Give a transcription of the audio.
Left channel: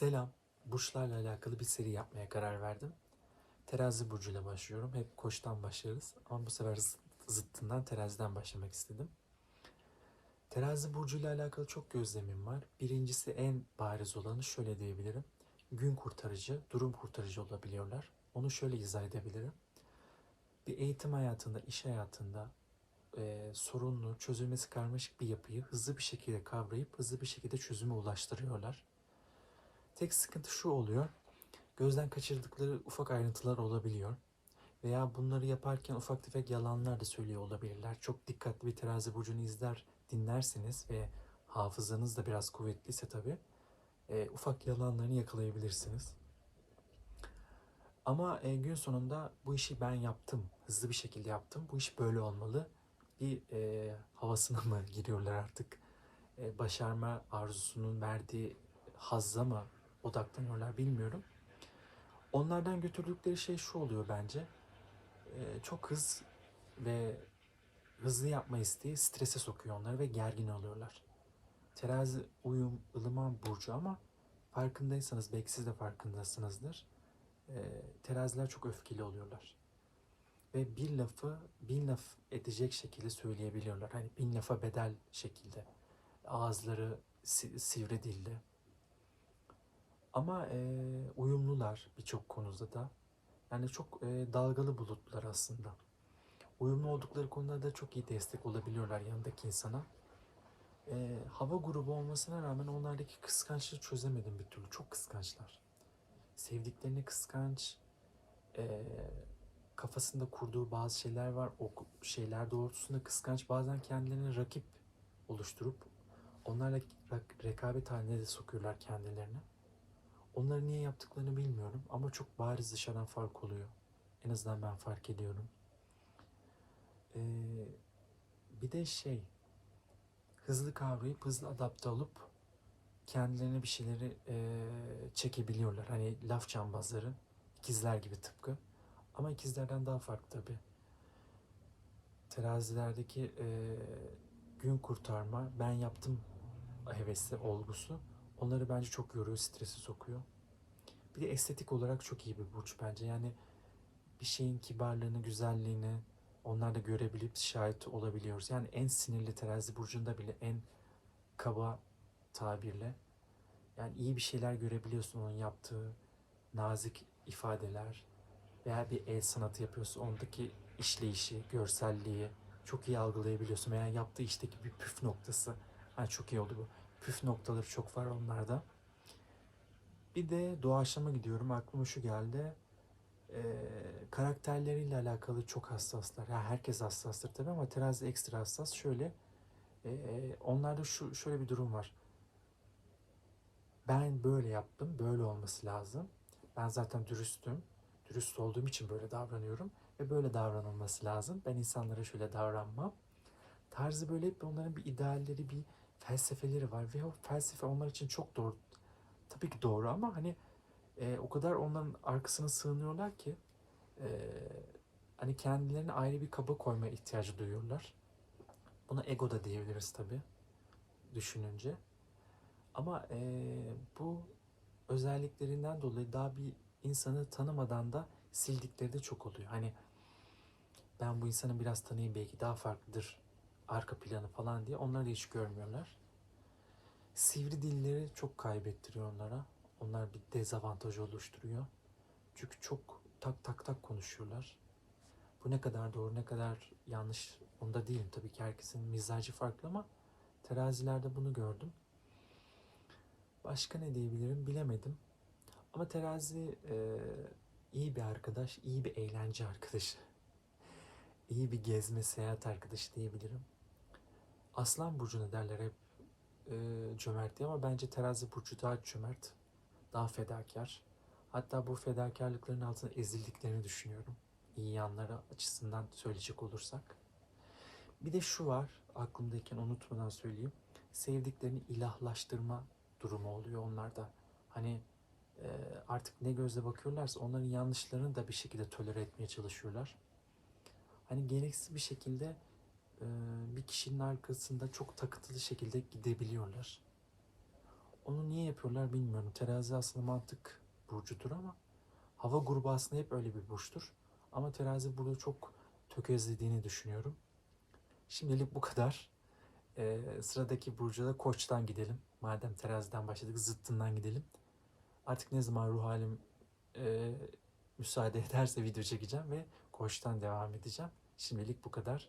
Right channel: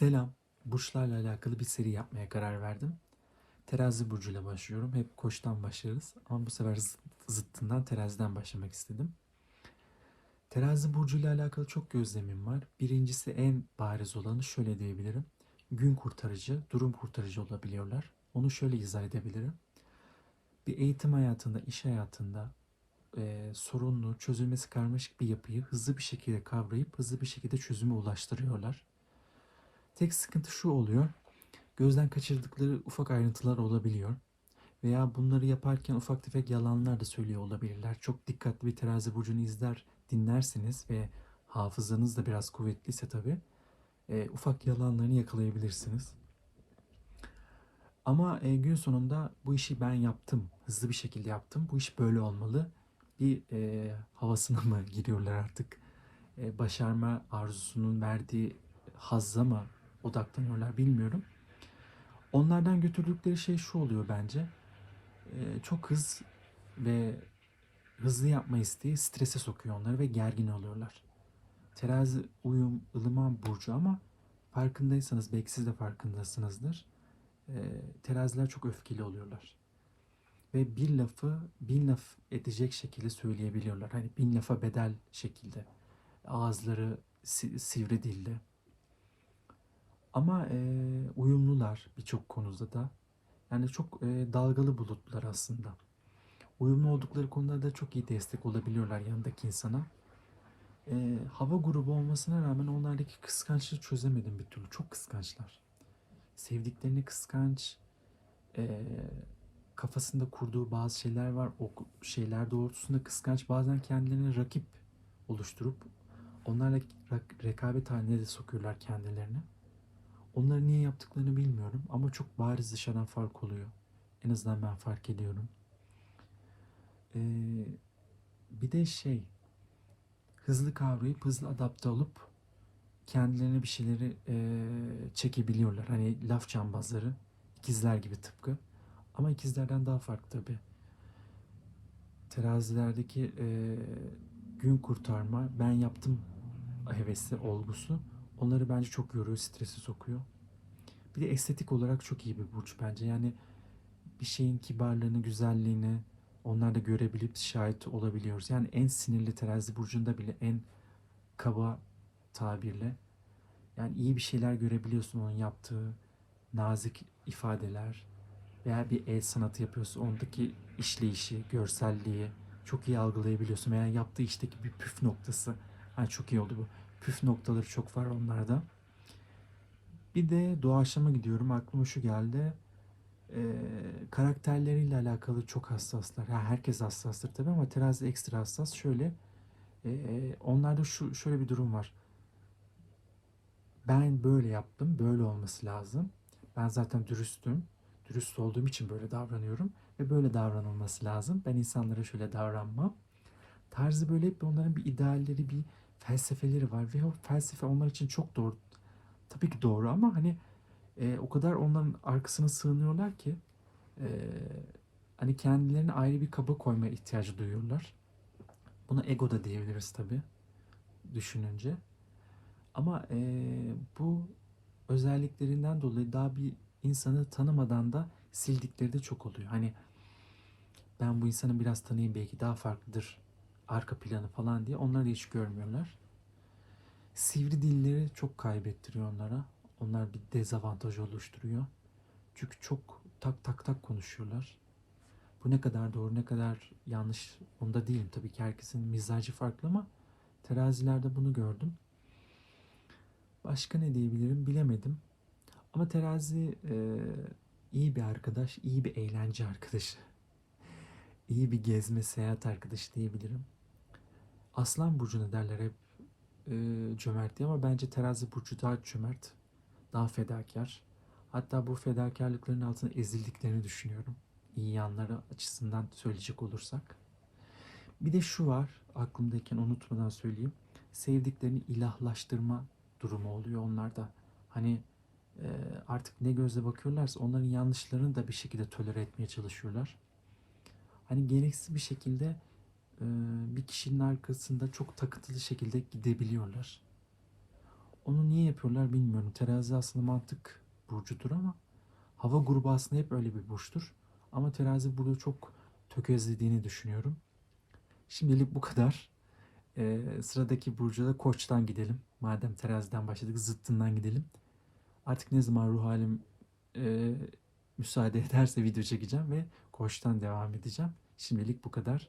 Selam. Burçlarla alakalı bir seri yapmaya karar verdim. Terazi burcuyla başlıyorum. Hep koçtan başlarız. Ama bu sefer zıt- zıttından teraziden başlamak istedim. Terazi burcuyla alakalı çok gözlemim var. Birincisi en bariz olanı şöyle diyebilirim. Gün kurtarıcı, durum kurtarıcı olabiliyorlar. Onu şöyle izah edebilirim. Bir eğitim hayatında, iş hayatında e, sorunlu, çözülmesi karmaşık bir yapıyı hızlı bir şekilde kavrayıp hızlı bir şekilde çözüme ulaştırıyorlar. Tek sıkıntı şu oluyor. Gözden kaçırdıkları ufak ayrıntılar olabiliyor. Veya bunları yaparken ufak tefek yalanlar da söylüyor olabilirler. Çok dikkatli bir terazi burcunu izler, dinlersiniz ve hafızanız da biraz kuvvetliyse tabii e, ufak yalanlarını yakalayabilirsiniz. Ama e, gün sonunda bu işi ben yaptım, hızlı bir şekilde yaptım. Bu iş böyle olmalı. Bir e, havasına mı giriyorlar artık? E, başarma arzusunun verdiği hazza mı odaklanıyorlar bilmiyorum. Onlardan götürdükleri şey şu oluyor bence. Ee, çok hız ve hızlı yapma isteği strese sokuyor onları ve gergin oluyorlar. Terazi uyum, ılıman burcu ama farkındaysanız belki siz de farkındasınızdır. Ee, teraziler çok öfkeli oluyorlar. Ve bir lafı bin laf edecek şekilde söyleyebiliyorlar. Hani bin lafa bedel şekilde. Ağızları si- sivri dilde. Ama e, uyumlular birçok konuda da. Yani çok e, dalgalı bulutlar aslında. Uyumlu oldukları konuda da çok iyi destek olabiliyorlar yanındaki insana. E, hava grubu olmasına rağmen onlardaki kıskançlığı çözemedim bir türlü. Çok kıskançlar. Sevdiklerini kıskanç. e, kafasında kurduğu bazı şeyler var. O şeyler doğrultusunda kıskanç. Bazen kendilerine rakip oluşturup onlarla rekabet haline de sokuyorlar kendilerini. Onları niye yaptıklarını bilmiyorum ama çok bariz dışarıdan fark oluyor. En azından ben fark ediyorum. Ee, bir de şey, hızlı kavrayıp hızlı adapte olup kendilerine bir şeyleri ee, çekebiliyorlar. Hani laf cambazları, ikizler gibi tıpkı. Ama ikizlerden daha farklı tabii. Terazilerdeki ee, gün kurtarma, ben yaptım hevesi, olgusu onları bence çok yoruyor, stresi sokuyor. Bir de estetik olarak çok iyi bir burç bence. Yani bir şeyin kibarlığını, güzelliğini onlar da görebilip şahit olabiliyoruz. Yani en sinirli terazi burcunda bile en kaba tabirle yani iyi bir şeyler görebiliyorsun onun yaptığı nazik ifadeler veya bir el sanatı yapıyorsun ondaki işleyişi, görselliği çok iyi algılayabiliyorsun veya yaptığı işteki bir püf noktası. Ha çok iyi oldu bu. Püf noktaları çok var onlarda. Bir de doğaçlama gidiyorum. Aklıma şu geldi. Ee, karakterleriyle alakalı çok hassaslar. Ha, herkes hassastır tabii ama terazi ekstra hassas. Şöyle e, onlarda şu şöyle bir durum var. Ben böyle yaptım. Böyle olması lazım. Ben zaten dürüstüm. Dürüst olduğum için böyle davranıyorum. Ve böyle davranılması lazım. Ben insanlara şöyle davranmam. Tarzı böyle hep onların bir idealleri, bir felsefeleri var. Ve o felsefe onlar için çok doğru. Tabii ki doğru ama hani e, o kadar onların arkasına sığınıyorlar ki e, hani kendilerini ayrı bir kaba koyma ihtiyacı duyuyorlar. Buna ego da diyebiliriz tabii düşününce. Ama e, bu özelliklerinden dolayı daha bir insanı tanımadan da sildikleri de çok oluyor. Hani ben bu insanı biraz tanıyayım belki daha farklıdır arka planı falan diye onları hiç görmüyorlar. Sivri dilleri çok kaybettiriyor onlara. Onlar bir dezavantaj oluşturuyor. Çünkü çok tak tak tak konuşuyorlar. Bu ne kadar doğru ne kadar yanlış onda değilim. Tabii ki herkesin mizacı farklı ama terazilerde bunu gördüm. Başka ne diyebilirim bilemedim. Ama terazi e, iyi bir arkadaş, iyi bir eğlence arkadaşı. İyi bir gezme, seyahat arkadaşı diyebilirim. Aslan burcuna derler hep e, cömert diye ama bence terazi burcu daha cömert, daha fedakar. Hatta bu fedakarlıkların altında ezildiklerini düşünüyorum. İyi yanları açısından söyleyecek olursak. Bir de şu var, aklımdayken unutmadan söyleyeyim. Sevdiklerini ilahlaştırma durumu oluyor onlarda. Hani e, artık ne gözle bakıyorlarsa onların yanlışlarını da bir şekilde tolere etmeye çalışıyorlar. Hani gereksiz bir şekilde bir kişinin arkasında çok takıntılı şekilde gidebiliyorlar. Onu niye yapıyorlar bilmiyorum. Terazi aslında mantık burcudur ama hava grubu aslında hep öyle bir burçtur. Ama terazi burada çok tökezlediğini düşünüyorum. Şimdilik bu kadar. Ee, sıradaki burcu da koçtan gidelim. Madem teraziden başladık zıttından gidelim. Artık ne zaman ruh halim e, müsaade ederse video çekeceğim ve koçtan devam edeceğim. Şimdilik bu kadar.